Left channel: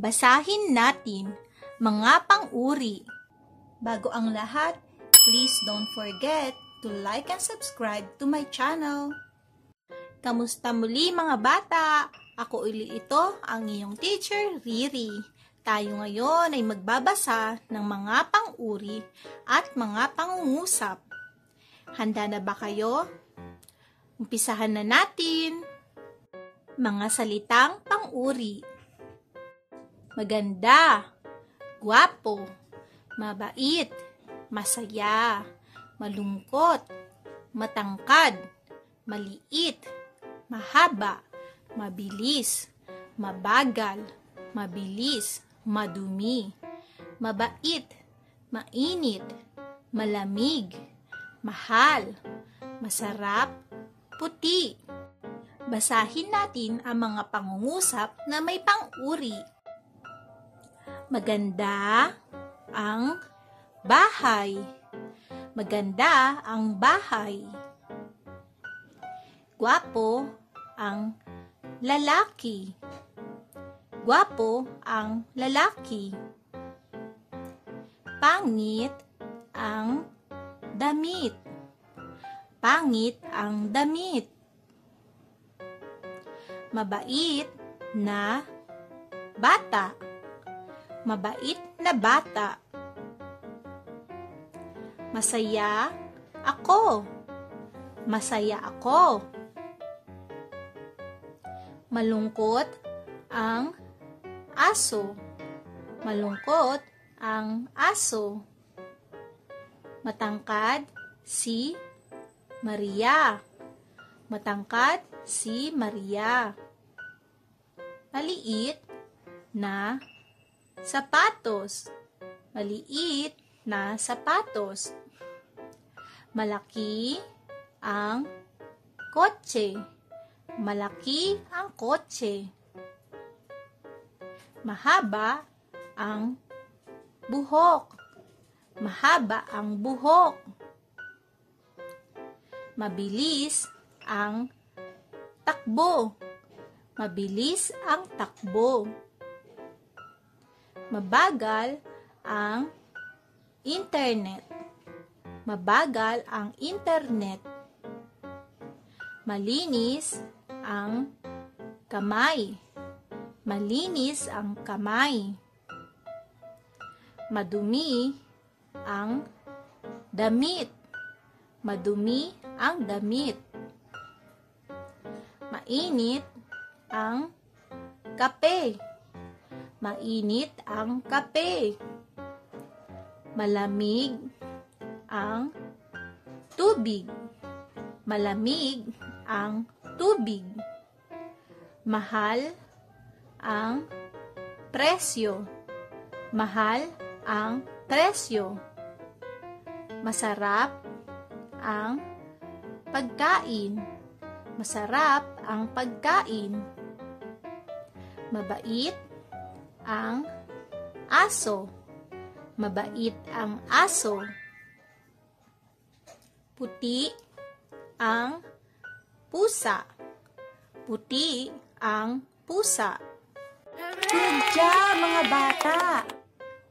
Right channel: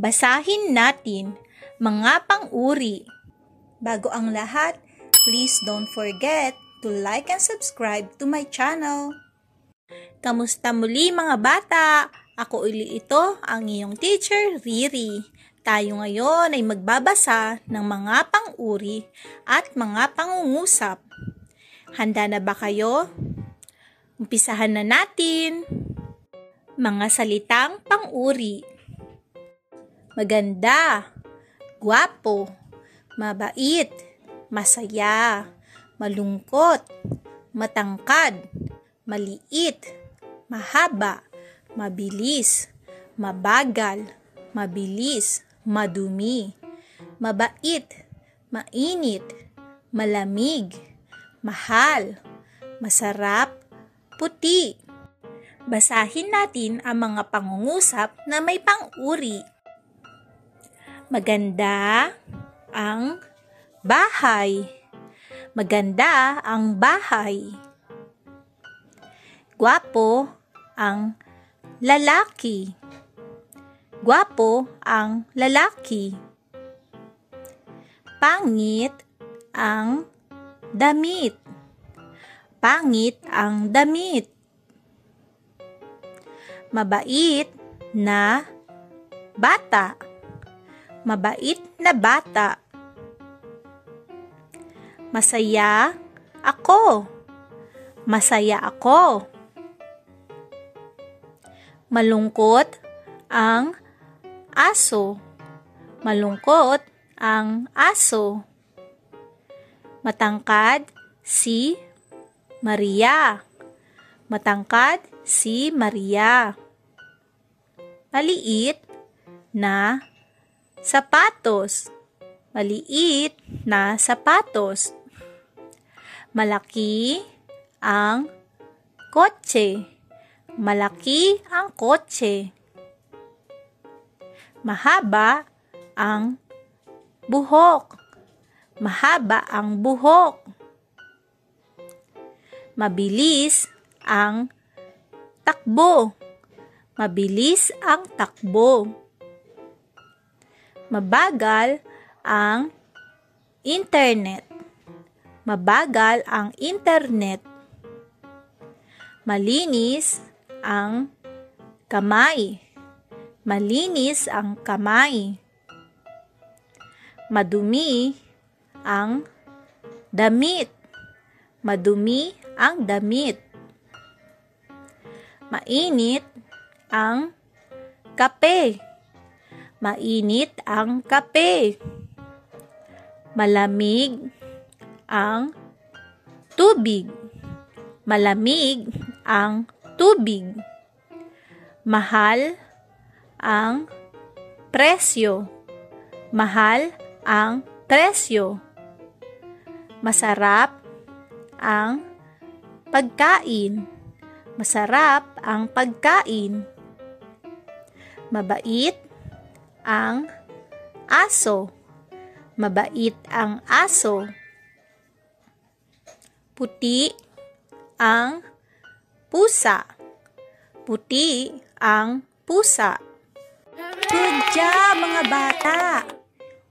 Basahin natin mga pang-uri. Bago ang lahat, please don't forget to like and subscribe to my channel. Kamusta muli mga bata? Ako uli ito, ang iyong teacher, Riri. Tayo ngayon ay magbabasa ng mga pang-uri at mga pangungusap. Handa na ba kayo? Umpisahan na natin. Mga salitang pang-uri. Maganda, gwapo, mabait, masaya, malungkot, matangkad, maliit, mahaba, mabilis, mabagal, mabilis, madumi, mabait, mainit, malamig, mahal, masarap, puti. Basahin natin ang mga pangungusap na may pang-uri. Maganda ang bahay. Maganda ang bahay. Gwapo ang lalaki. Gwapo ang lalaki. Pangit ang damit. Pangit ang damit. Mabait na bata. Mabait na bata. Masaya ako. Masaya ako. Malungkot ang aso. Malungkot ang aso. Matangkad si Maria. Matangkad si Maria. Maliit na sapatos. Maliit na sapatos. Malaki ang kotse. Malaki ang kotse. Mahaba ang buhok. Mahaba ang buhok. Mabilis ang takbo. Mabilis ang takbo. Mabagal ang internet. Mabagal ang internet. Malinis ang kamay. Malinis ang kamay. Madumi ang damit. Madumi ang damit. Mainit ang kape. Mainit ang kape. Malamig ang tubig. Malamig ang tubig. Mahal ang presyo. Mahal ang presyo. Masarap ang pagkain. Masarap ang pagkain. Mabait ang aso. Mabait ang aso. Puti ang pusa. Puti ang pusa. Good job mga bata!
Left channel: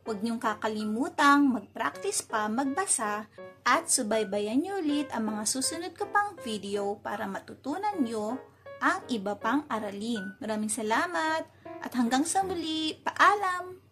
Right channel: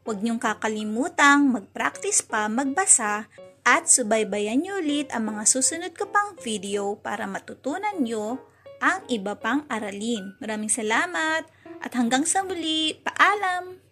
Huwag niyong kakalimutang mag-practice pa magbasa at subaybayan niyo ulit ang mga susunod ko pang video para matutunan niyo ang iba pang aralin. Maraming salamat at hanggang sa muli. Paalam!